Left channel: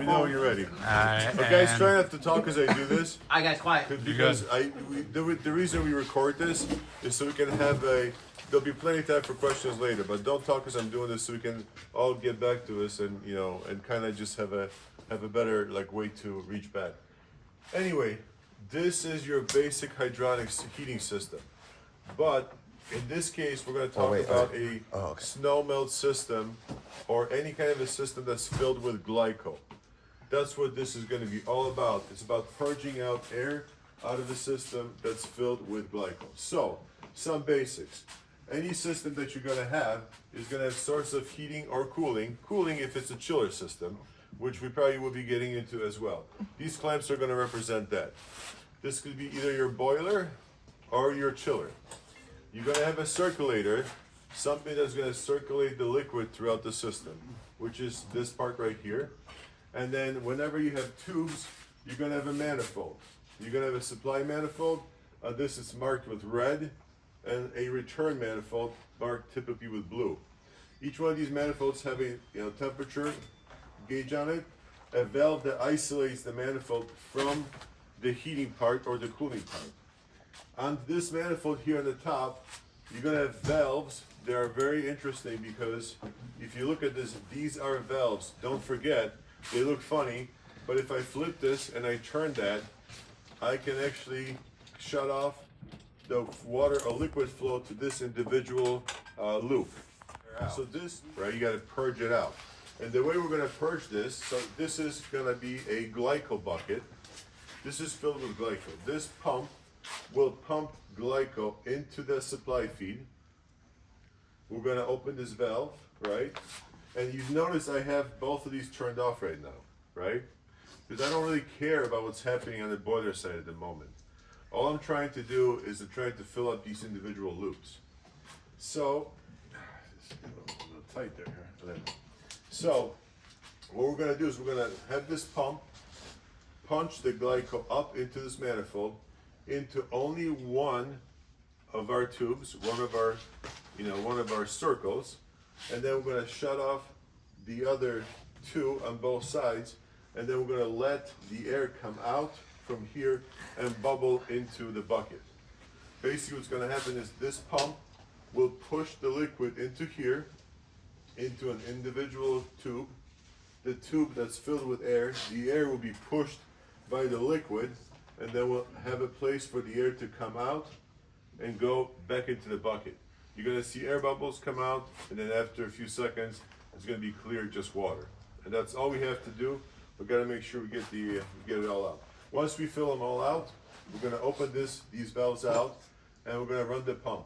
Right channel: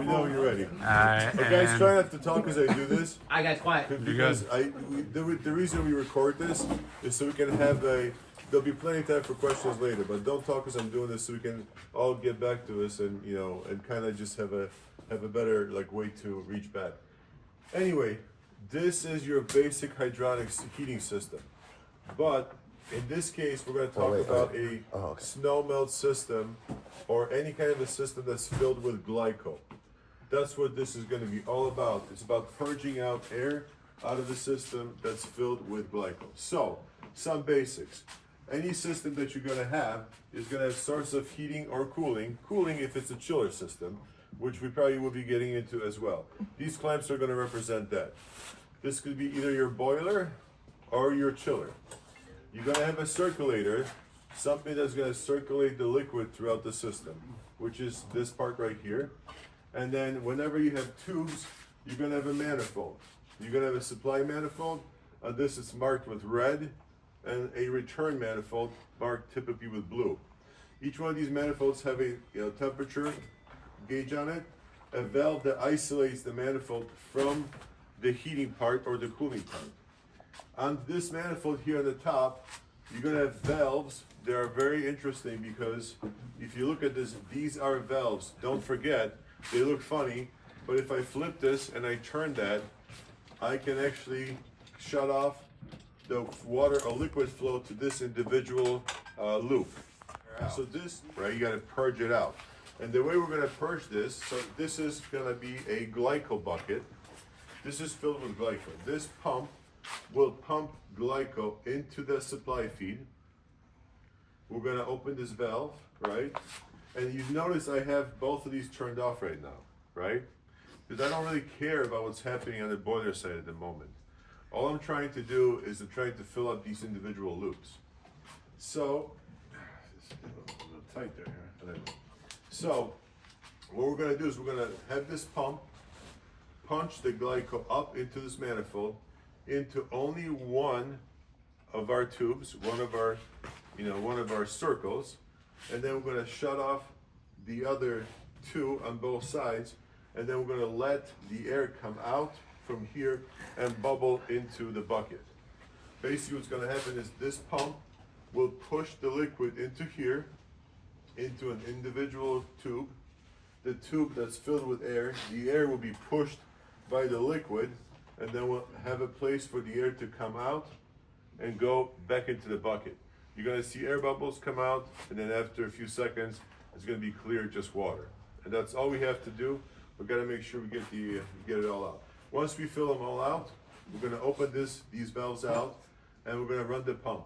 me know when you're ready. Alright, But guys, try not to talk as I do this. Alright guys, quiet. Because the reason we record this is so we can have there'll be plenty of time for questions later, but don't talk as I'm doing this so we can all get back to us and, you know, and kind of just have a better like way to reach back. Anyway, this is your basic hydronics heating system. But in this case, we're going to talk about a snow melt system or any kind of a system that's filled with glycol. That's what this is going to be all about. It's about purging out air out of the system that's filled with glycol. So, some basics. Any system that you're going to have is going to have source of heating or cooling. Cooling if it's a chiller system, which we probably will be getting into as well. These clamps are going to represent that. This could be either your boiler or your chiller. You're going to have a circulator, something that's going to circulate the liquid throughout the system, which is this part right here. And then whenever you have tubes, you're going to have a manifold. You're going to have a supply manifold. This is marked with red, and a return manifold marked typically with blue. Each one of these manifolds have a temperature gauge on it, a valve that isolates the manifold from the heating part or the cooling part. On this manifold here on the top, you're going to have valves. They are very interesting because if you look at this, these are valves. Don't forget, they look funny, but if I flip this and I turn that, I can actually shut off the water or liquid flow to this individual loop. So this, right, you got to purge it out. And the way we're going to purge this, so this is going to be a glycol bucket. This is filled with glycol. This pump will pump glycol into the supply feed. We're going to open this valve, right? And you notice I have both of these turned off right now, right? Because I don't really care about what's happening on the boiler side at the moment. All I'm trying to do is to try to fill up these individual loops. So, it's a little tight there. So, what we're going to do is we're going to have this pump punch the glycol up into this manifold, into only one of our tubes, one of our circles, and then we're going to shut off the other two on both sides, and then we're going to let the air come out from here and bubble into the bucket. Basically what's going to happen is this pump will push the liquid into here, into an individual tube. The tube that's filled with air, the air will be pushed by the liquid, and then we'll have a place for the air to come out and go back into the bucket. You're going to see air bubbles come out, and then after a few seconds, it's going to be clear, just water. And that's all we have to do. We've got to make sure we get it all out. Once we fill them all out, we're going to open these valves out, and we're going to run the pump.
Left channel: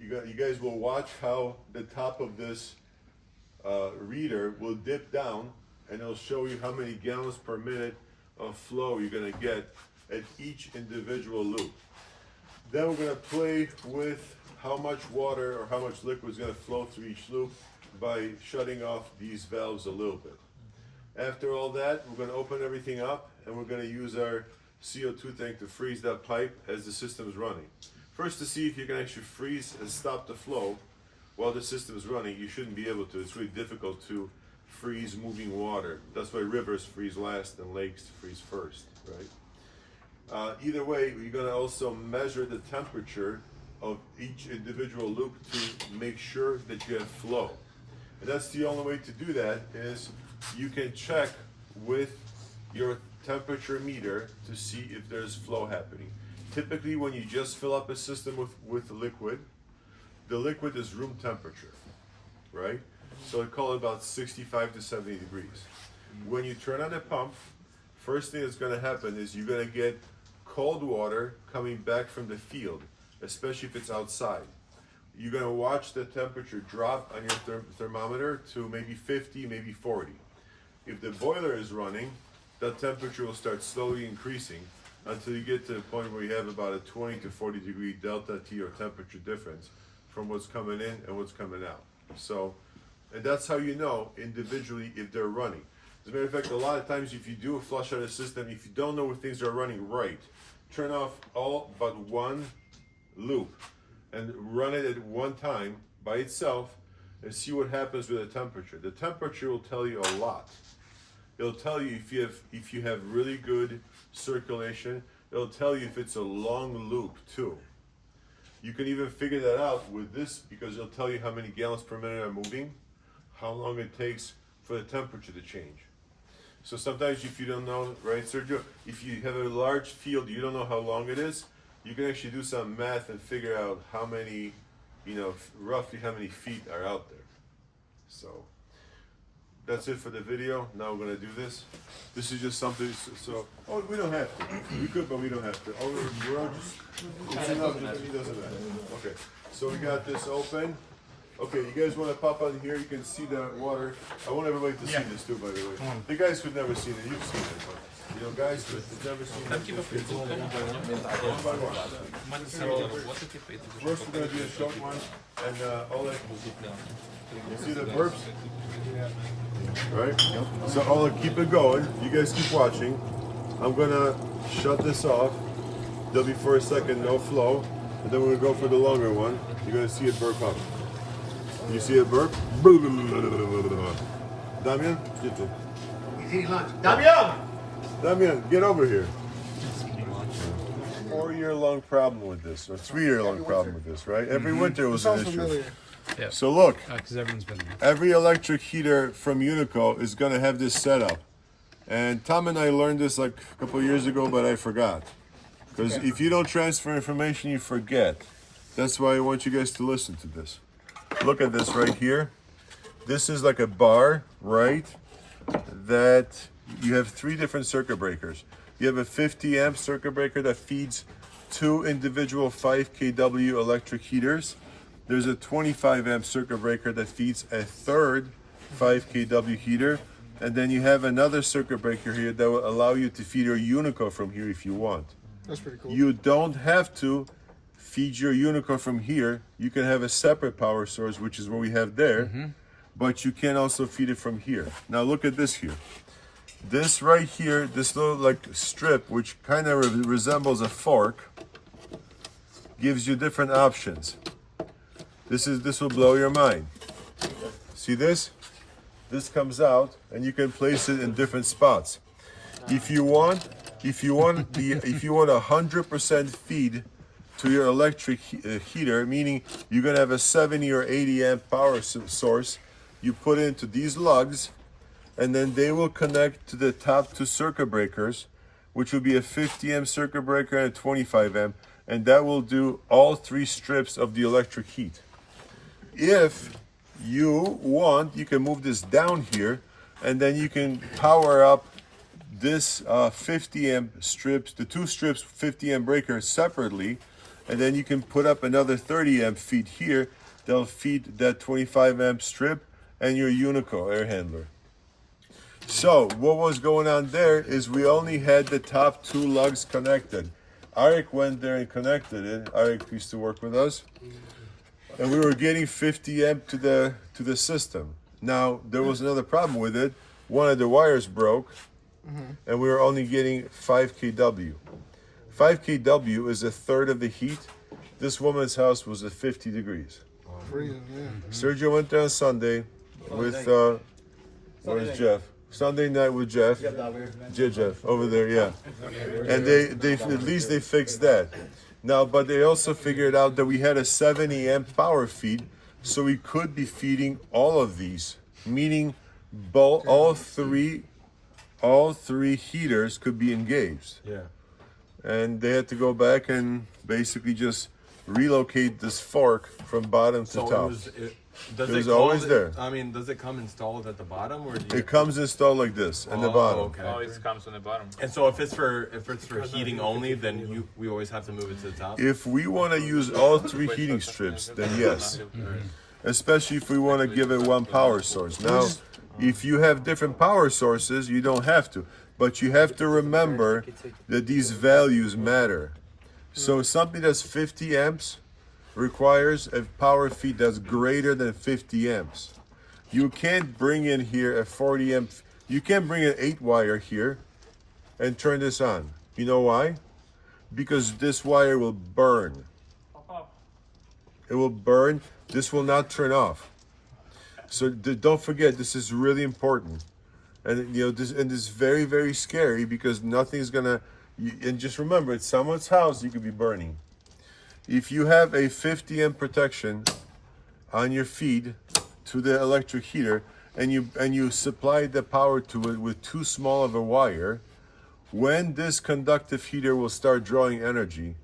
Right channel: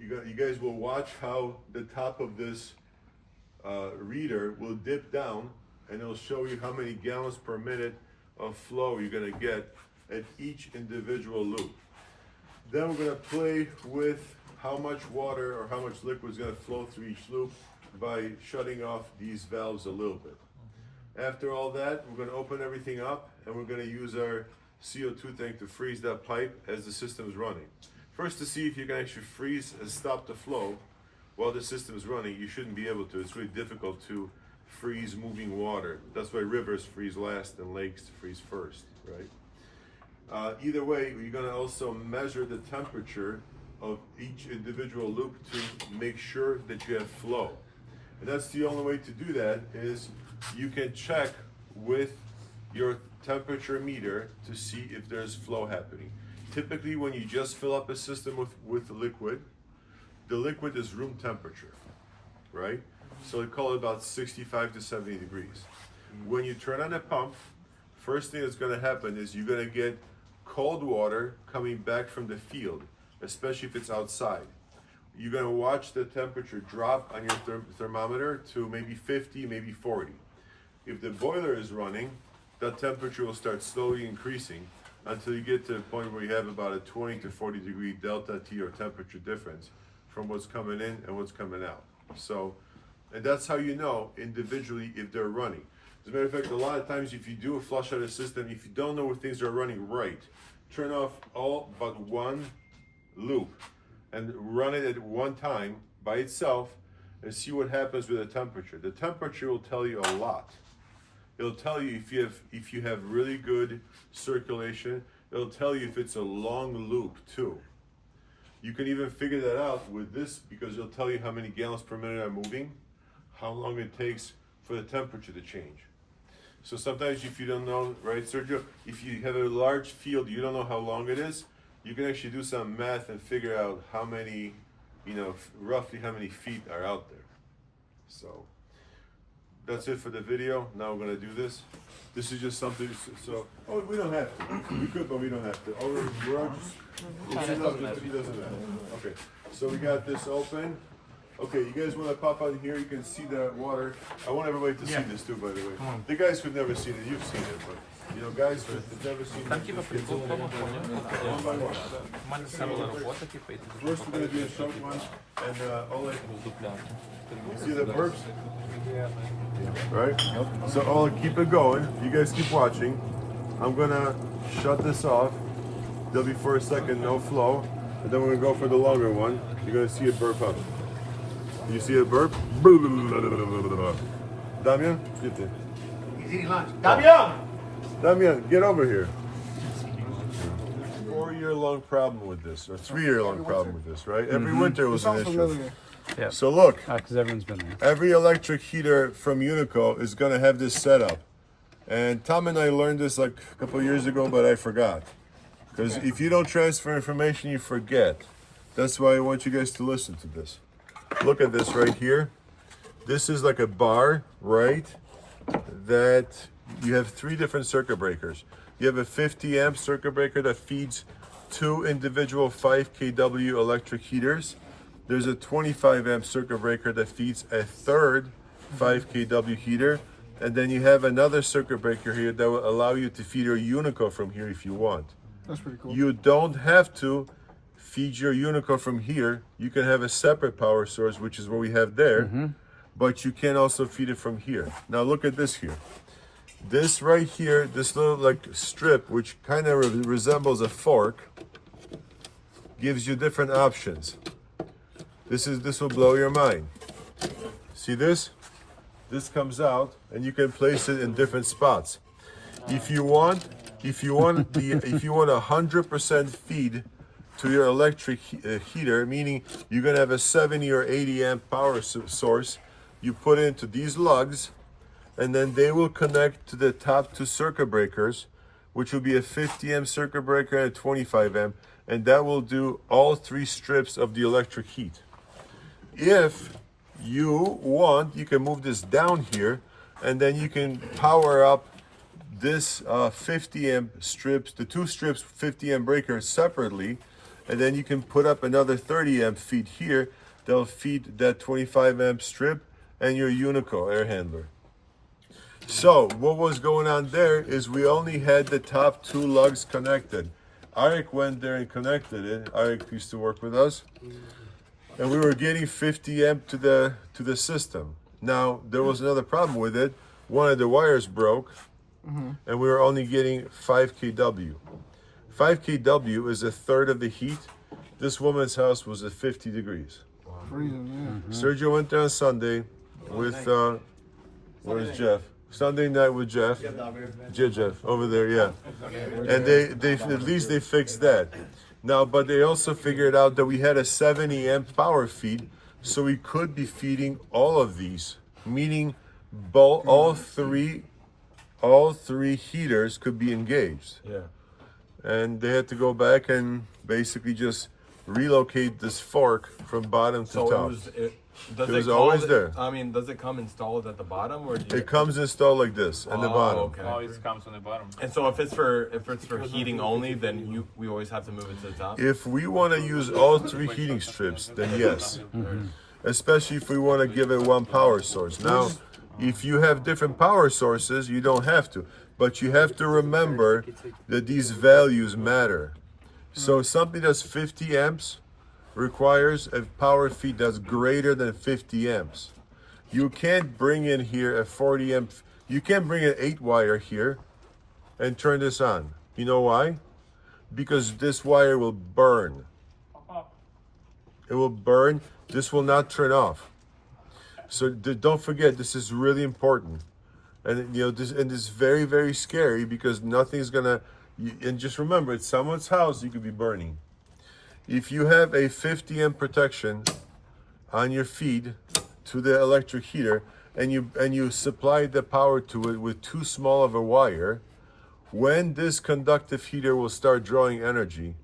You guys will watch how the top of this reader will dip down, and it'll show you how many gallons per minute of flow you're going to get at each individual loop. Then we're going to play with how much water or how much liquid is going to flow through each loop by shutting off these valves a little bit. After all that, we're going to open everything up, and we're going to use our CO2 tank to freeze that pipe as the system is running. First, to see if you can actually freeze and stop the flow while the system is running. You shouldn't be able to. It's really difficult to freeze moving water. That's why rivers freeze last and lakes freeze first, right? Either way, you're going to also measure the temperature of each individual loop to make sure that you have flow. And that's the only way to do that is you can check with your temperature meter to see if there's flow happening. Typically, when you just fill up a system with liquid, the liquid is room temperature, right? So I call it about 65 to 70 degrees. When you turn on the pump, first thing that's going to happen is you're going to get cold water coming back from the field, especially if it's outside. You're going to watch the temperature drop on your thermometer to maybe 50, maybe 40. If the boiler is running, that temperature will start slowly increasing until you get to the point where you have about a 20 to 40 degree delta T or temperature difference from what's coming in and what's coming out. So, and that's how you know individually if they're running. As a matter of fact, a lot of times if you do a flush out of the system, if you don't know if things are running right, turn off all but one loop and run it at one time by itself and see what happens with the temperature. The temperature will tell you a lot. It'll tell you if you have really good circulation. It'll tell you if it's a long loop too. You can even figure that out with this because it'll tell you how many gallons per minute are moving, how long it takes for the temperature to change. So sometimes if you don't know, right, Sergio, if you have a large field, you don't know how long it is, you can actually do some math and figure out how many, roughly how many feet are out there. So that's it for the video. Now we're gonna do this. This is just something, we don't have to. We could, but we don't have to. We're all just, it's enough, it doesn't matter. Okay, so we got this open. Okay, you guys wanna pop on here, you can see the water. I want everybody to see this too, by the way. The guys who've never seen it, you've seen it, but guys who've never seen it, one by one. First we're gonna do a short one, and Oleg, you see the burps? Right? So I'll keep it going. You guys keep watching. I'm gonna shut this off. There'll be for a second no flow, and then we're gonna go for the longer one. You're gonna see it burp up. You see it burp? Damian, get there. He's eating lunch. Damian! Damian, get over here. 4-year-long problem with this, or 3-year-long problem with this, right? Every winter was an issue. Yeah. So look, Because everyone's been there. every electric heater from Unico is going to have this setup. And Tom and I learned this like a couple of years ago, but I forgot. Because if you don't transfer information, you forget. That's why I want you guys to listen to this. Look at this right here. This is like a bar, right? That you have 3 different circuit breakers. You have a 50 amp circuit breaker that feeds 2 individual 5 kW electric heaters. There's a 25 amp circuit breaker that feeds a third 5 kW heater. And then you have another circuit breaker here that will allow you to feed your Unico from here if you want. That's pretty cool. You don't have to feed your Unico from here. You can have a separate power source, which is what we have there. But you can also feed it from here. Now look at this here. This right here, this little like strip, which kind of resembles a fork, gives you different options. This will blow your mind. See this? This comes out and you can place it in different spots. If you want 100% feed to your electric heater, meaning you're gonna have a 70 or 80 amp power source, you put it into these lugs, and then they will connect to the top 2 circuit breakers, which will be a 50 amp circuit breaker and a 25 amp, and that will do all 3 strips of the electric heat. If you want, you can move this down here, and then you can power up this 50 amp strips, the 2 strips 50 amp breaker separately, and then you can put up another 30 amp feed here. They'll feed that 25 amp strip and your Unico air handler. So what was going on there is we only had the top 2 lugs connected. Arik went there and connected it. Arik used to work with us. And we were getting 50 amp to the system. Now there was another problem with it. One of the wires broke, and we were only getting 5 kW. 5 kW is a third of the heat. This woman's house was at 50 degrees. Sergio went there on Sunday with where's Jeff? Sunday night with Jeff. Jeff over there, yeah. And they at least they fixed that. Now, but they also figured out that we had a 70 amp power feed, so we could be feeding all of these, meaning all three heaters could be engaged. Yeah. And they had to go back and basically just relocate this fork from bottom to top. Does It was always there. I mean, does it come installed at the bottom, or It comes installed like this in the bottom. Okay. Oh, it comes on the bottom. And so if it's for heating only, then we always have to move it to the top. If we want to use all 3 heating strips, then yes. Especially if we want to give it one power source. Now, if you have different power sources, you don't have to. But you have to remember that these values matter. So something that's 50 amps requires a power feed that's greater than 50 amps. You can't bring in here a 40 amp, you can't bring an 8 wire here and turn this on. You know why? Because this wire will burn. It will burn. This will not turn off. So don't forget, this is really important. And this is very, very scary because nothing's gonna. And just remember, it's someone's house. You could be burning. If you have a 50 amp protection on your feed to the electric heater, and you supply the power to it with too small of a wire, when this conductive heater will start drawing energy,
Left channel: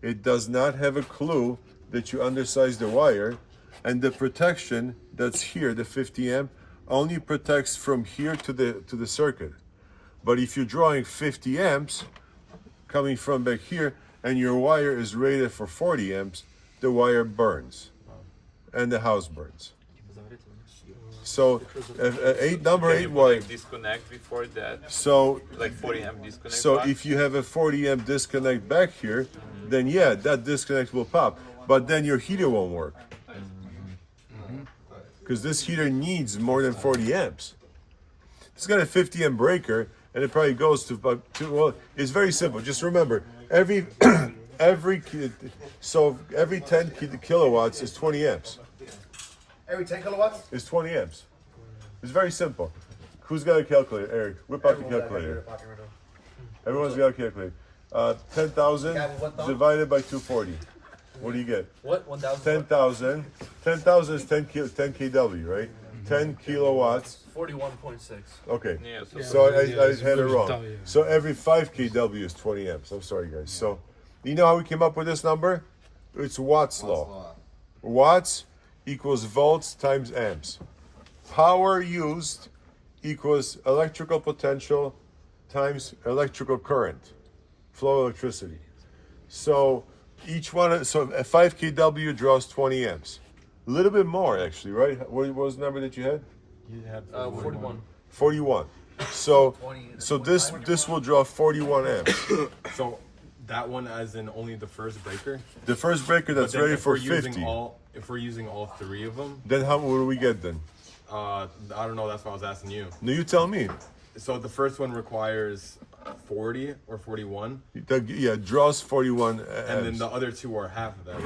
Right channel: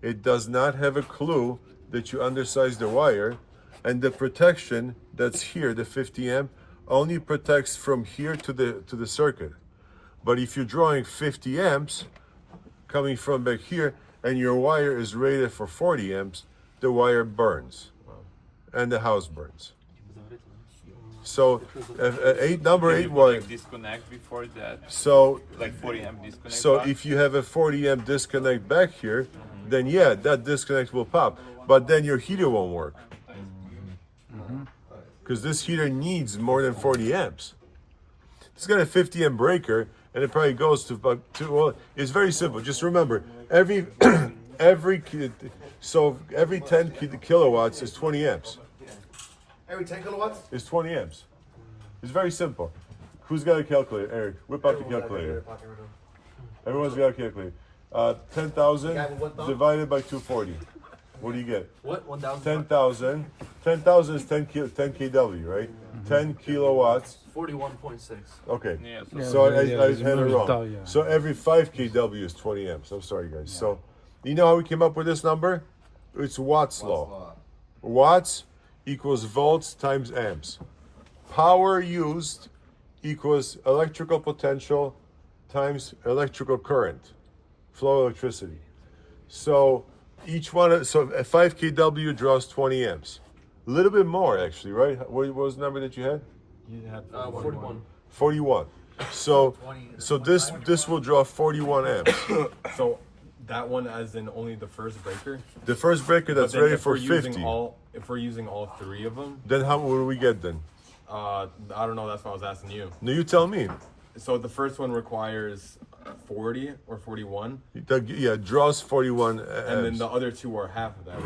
it does not have a clue that you undersized the wire, and the protection that's here, the 50 amp, only protects from here to the circuit. But if you're drawing 50 amps coming from back here, and your wire is rated for 40 amps, the wire burns, and the house burns. So, number eight wire. Like disconnect before that. So, Like 40 amp disconnect. so box. if you have a 40 amp disconnect back here, then yeah, that disconnect will pop. But then your heater won't work. Because this heater needs more than 40 amps. It's got a 50 amp breaker, and it probably goes to about well, it's very simple. Just remember, every 10 kilowatts is 20 amps. Every 10 kilowatts? It's 20 amps. It's very simple. Who's got a calculator? Eric, whip out the calculator. Everyone's got a calculator. 10,000 divided by 240. What do you get? What? 1,000? 10,000. 10,000 is 10 kW, right? 10 kilowatts. 41.6. Okay. Yeah, So I it's had it really wrong. tall, yeah. So every 5 kW is 20 amps. I'm sorry, guys. So you know how we came up with this number? It's Watt's law. Watts equals volts times amps. Power used equals electrical potential times electrical current, flow of electricity. So each one, so a 5 kW draws 20 amps. A little bit more actually, right? What was the number that you had? You had 41. 41. So this will draw 41 amps. So that one as in only the first breaker? The first breaker that's But then ready if for we're using 50. if we're using all three of them, Then what do we get then? I don't know, that's what I was asking you. No, you tell me. So the first one requires 40 or 41, Yeah, draws 41 amps. and then the other two are half of that,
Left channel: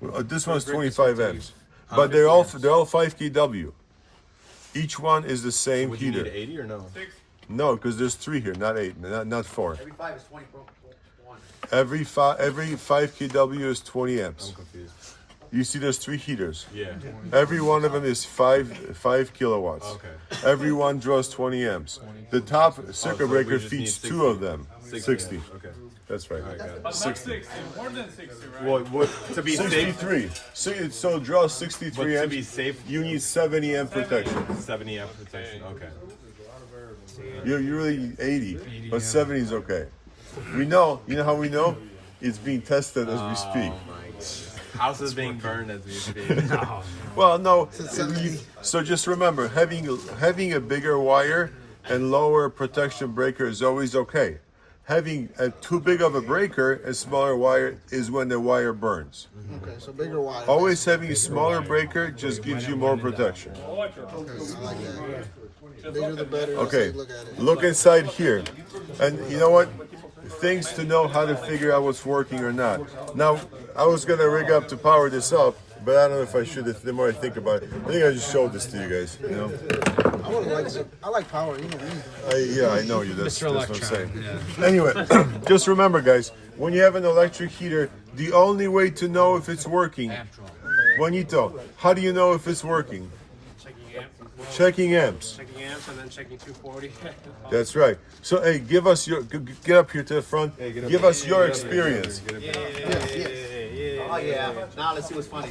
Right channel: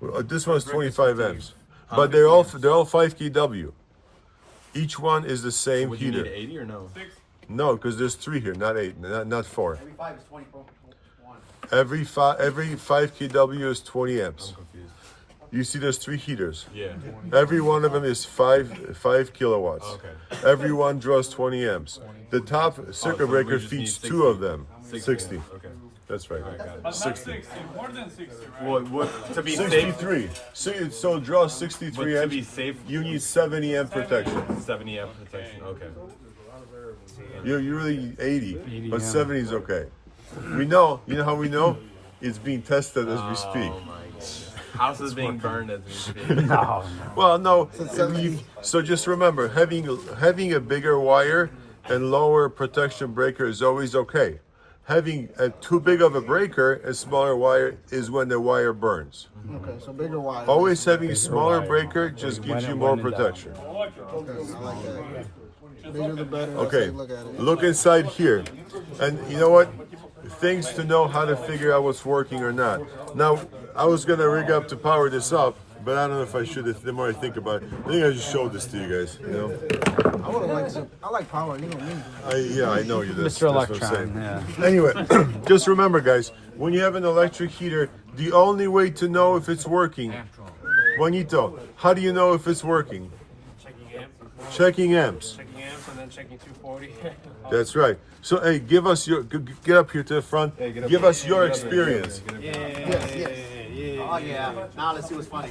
right? This one's 25 amps, but they're all 5 kW. Each one is the same Would you heater. need 80 or no? No, because there's 3 here, not 8, not 4. Every 5 is 20. Every 5 kW is 20 amps. I'm confused. You see, there's 3 heaters. Yeah. Every one of them is 5 kilowatts. Okay. Every one draws 20 amps. The top circuit so breaker we just feeds need 2 of them. 60. Okay. That's right. Got it. But not 60, more than 60, right? Well, to be safe, 63. So it draws but 63 to amps. be safe, You need 70 amp protection. 70 amp protection. Okay. You really need 80, but 70 is okay. We know. You know how we know? It's being tested as we speak. House is being burned as we speak. Well, no. So just remember, having a bigger wire and lower protection breaker is always okay. Having too big of a breaker and smaller wire is when the wire burns. Okay, so bigger wire. Always having a smaller breaker just gives you more protection. Bigger the better. Okay, Look at it. look inside here. And you know what? Things to know how to figure out what's working or not. Now, I was gonna rig up to power this up, but I don't know if I should. The more I think about it, I think I just showed this to you guys. You know? I like power. You know me. I know you. That's what I'm saying. Yeah. Anyway, just remember, guys, when you have an electric heater, the only way to know if it's working, Juanito, how do you know if it's working? Checking amps. Checking amps. Checking amps and then checking 240. That's right. So, hey, give us your. Get up here to the front. Give us your experience. Oh, yeah. Now let's see what's funny.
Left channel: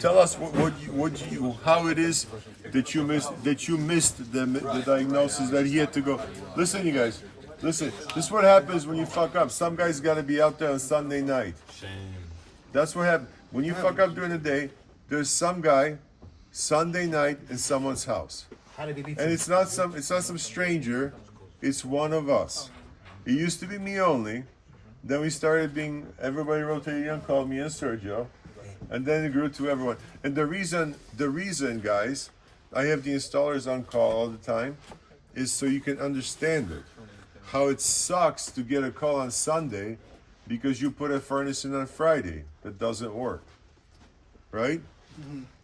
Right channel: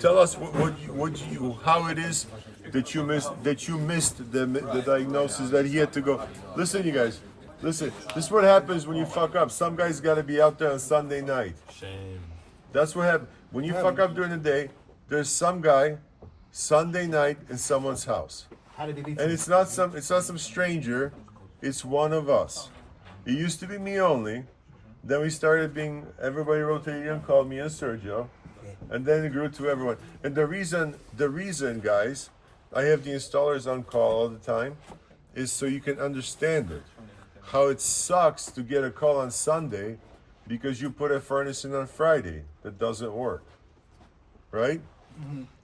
Tell us how it is that you missed the diagnosis that he had to go. Listen, you guys. Listen. This is what happens when you fuck up. Some guys got to be out there on Sunday night. Shame. That's what happens when you fuck up during the day. There's some guy Sunday night in someone's house, and it's not some stranger. It's one of us. It used to be me only. Then we started being everybody rotated in, called me and Sergio, and then it grew to everyone. And the reason, guys, I have the installers on call all the time, is so you can understand it. How it sucks to get a call on Sunday because you put a furnace in on Friday that doesn't work, right?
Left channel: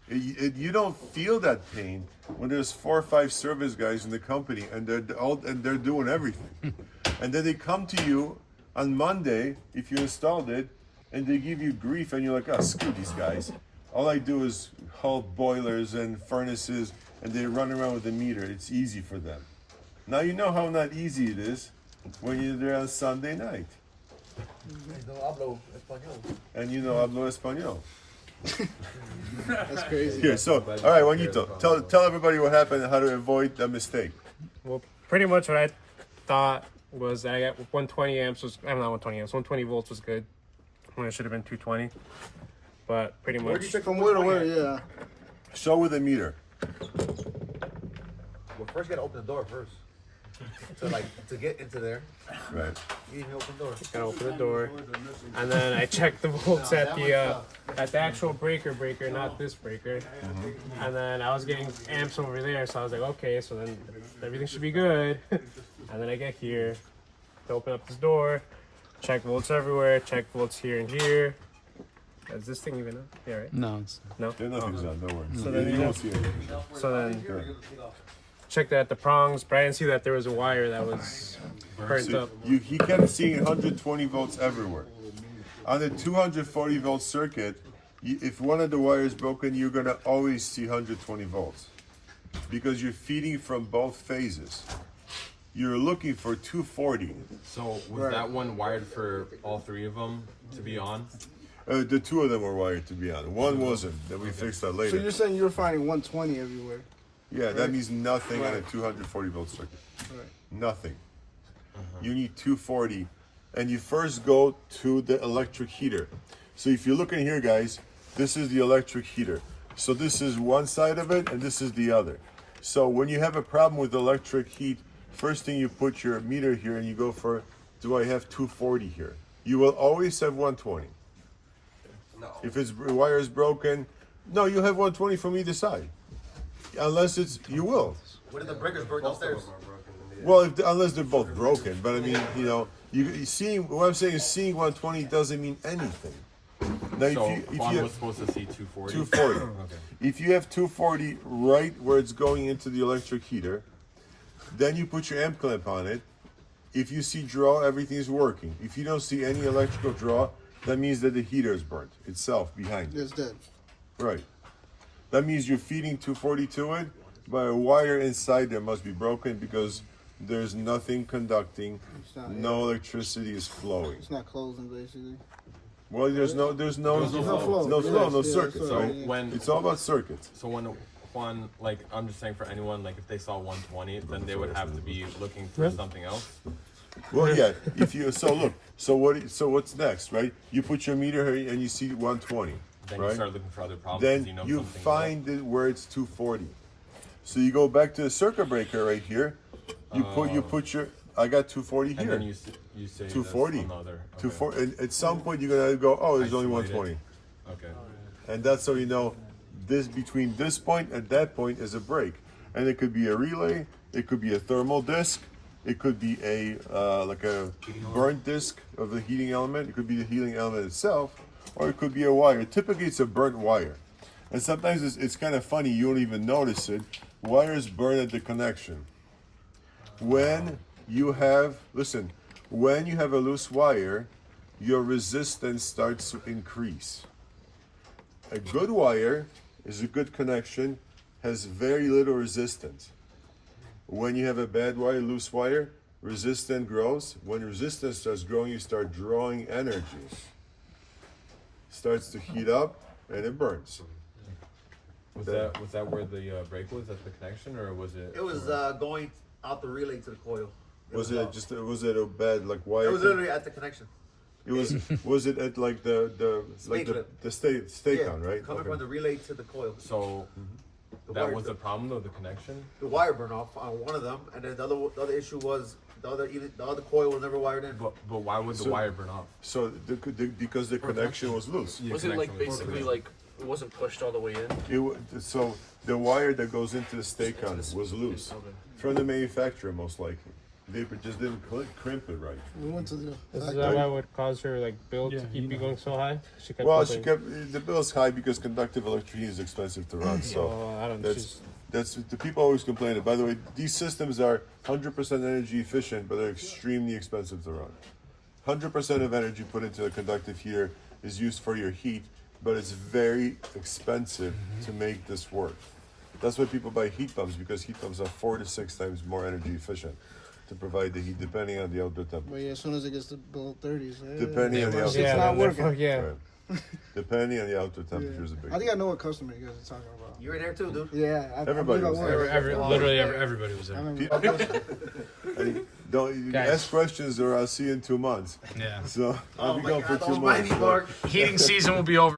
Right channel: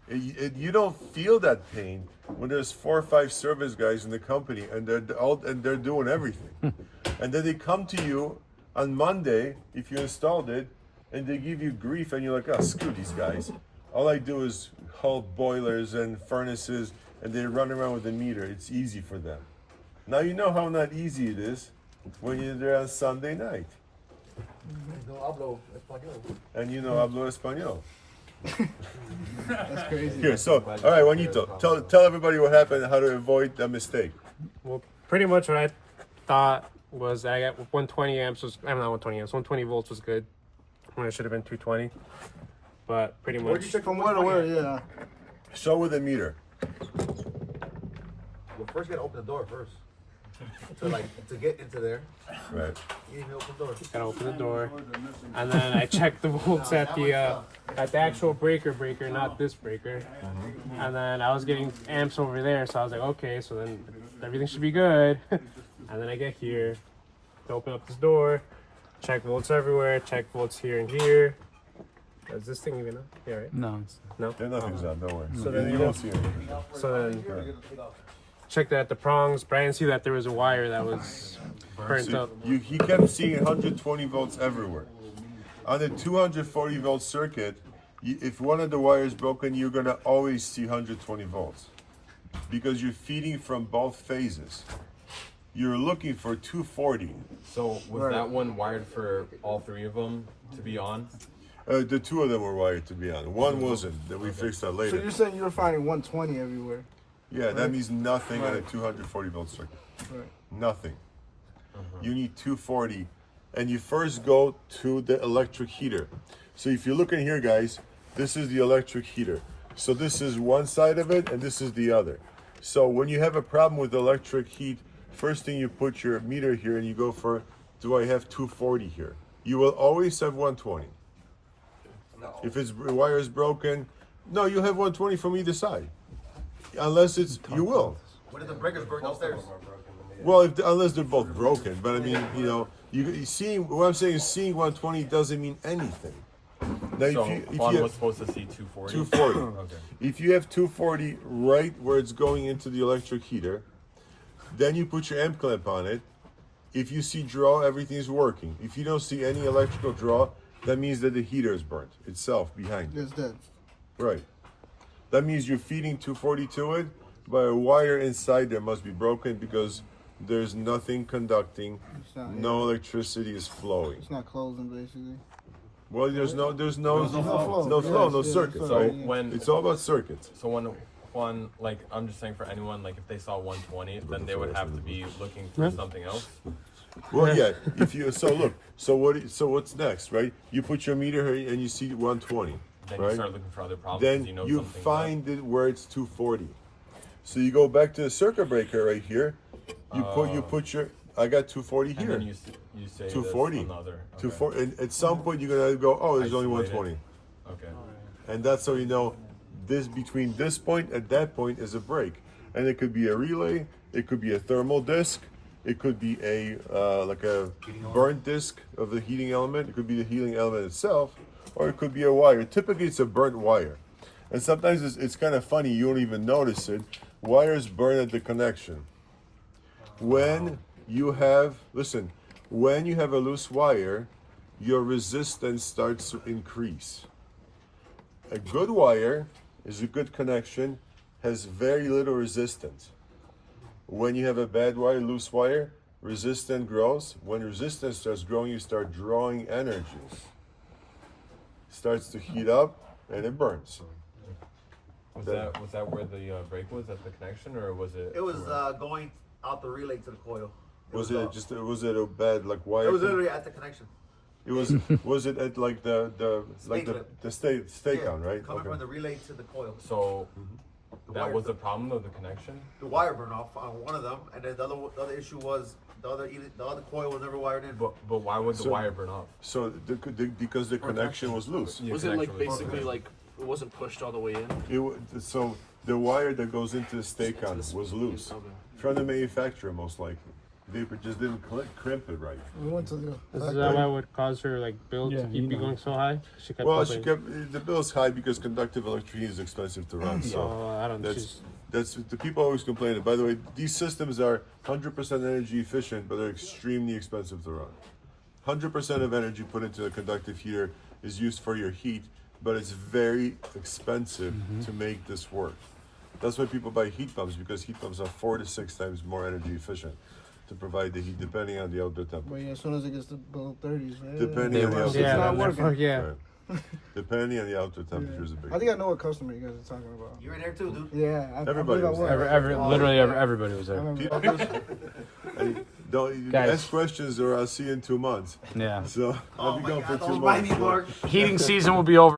You don't feel that pain when there's 4 or 5 service guys in the company and they're doing everything, and then they come to you on Monday if you installed it, and they give you grief, and you're like, oh, screw these guys. All I do is hold boilers and furnaces, and they run around with a meter. It's easy for them. Now you know how not easy it is when you're there on Sunday night. And you know hablo español. That's crazy. Here, so, all right, Juanito, tell everybody what happened and how to avoid a mistake. Well, pretty much what I thought was I got 120 amps was, I'm not 120 amps, 120 volts was good when it should have been 220. But pretty much. From where to where, yeah. Show with a meter. Well, first you gotta open the door first. To get into there, Right. you need to open the door. Gotta open the door, and then I checked the volts at the actual breaker, not this breaker. And then I was getting amps over there, so I was like, okay, so then everything should be good. And then I get here, open up this door, check volts everywhere, check volts here and here. Is this thing even up? Yeah, right? No, it's There nothing's on, don't worry. So then you won't see it. So then checked at the prongs, but I didn't see that there was a wire that was burnt So up. he kept seeing 120 volts everywhere. On a 240 volt circuit, if one of the wires is broken, you're gonna always see 120 volts because you're feeding from both phases. You're looking for 240. So was that one wired for all 3 of them to be on? The 2 of them were wired to be on. One wasn't. Then we fixed that So later. you're saying you're finding 120 everywhere? Yeah, that means nothing on a 240 volt circuit. Nothing. You need 240, and you first go to the electric heater. So if you look in here, guys, this is the electric heater. So this is one side of it, and this is the other. So when you have a problem with electric heat, first thing you put your meter here, and you go for, do I have 240 here? You will always have 120. If its wire is broken, no, you'll have 120 from either side. Unless it's, you will. What if the breakers burn upstairs? Well, unless they're both broken. But I mean, you seeing, what I'm saying is seeing 120 doesn't mean anything. Now, So if Juan you was supposed to see 240. 240. Okay. If you have 240 right where it's going into the electric heater, then you put your amp clamp on it. If you see draw, everything's working. If you don't see any electrical draw, that means that the heater is burnt itself behind it. It's dead. Right. That means you're feeding 240 to it, but a wire inside there must be broken because there's nothing conducting, no electricity is flowing. It's not closing, basically. Well, there's no flow, no circuit. So Right? when It's all about circuits. So when Juan, like, I'm just saying for anyone, like, if they saw 120, then they would have to be looking for something else. Well, yeah. If you so what's next, right? You put your meter here and you see 120, Then you right? start looking for other problems. Then 'cause you know you something's find it where it's 240. So you go back to the circuit breaker right here. You put your, I got 240 up. here. And then you say 240. this another. Okay. 240. And at some point you're gonna go, oh, there's only Isolate it. 120. Okay. And that's how you know this between this point and that point is a break. And it could be a relay, it could be a thermal disc, it could be a like a burnt disc of the heating element, it could be the heating element itself, or it could be a wire. Typically it's a burnt wire. And sometimes it's kind of funny, you don't even notice it. Wires burn at the connection. When you have, listen, when you have a loose wire, your resistance starts to increase. A good wire is a good connection, has very little resistance. When you have a bad wire, loose wire, resistance grows. When resistance starts growing, you start drawing energy. Starts to heat up and it burns. Was that where the break was at the connection, or was it? It was going out the relay to the coil. Was it a bad like wire? It was literally at the connection. It was it at like the stake on, right? Coming Okay. from the relay to the coil. So The that wire- was the problem of the connection. The wire burned off on one of them, and then the other issue was the other coil was never wired in. But why would the wire burn off? So because the connection was loose. Was it like connection was basically like it wasn't pushed all the way in? So the wire that goes into the stake on was loose from the manufacturer, most likely. They just didn't crimp it right. We went to the. This is what would cause her like bill to keep you going so high. She kept. Well, going, the bill's high because conductive electricity is expensive to run. So I don't know. that's the people always complain. By the way, these systems are 100% energy efficient, but they're extremely expensive to run. 100% of energy put into a conductive heater is used for your heat, but it's very expensive to make this work. That's why people buy heat pumps, because heat pumps are 4 to 6 times more energy efficient to provide the heat, depending on the outdoor temperature. But yeah, as soon as it gets to below 30s, Depending on the outdoor Yeah, not then temperature. working. yeah. Right. Depending on the outdoor temperature is a big I think I know what customer you guys are talking about. You were there too, dude. Yeah, Everybody was there. Literally everybody was there. Hey, don't Guys. ask questions, or I'll see you in 2 months. Yeah. So I'll Oh be my gone God, for 2 don't mind months. me, Mark. Heating season will be over.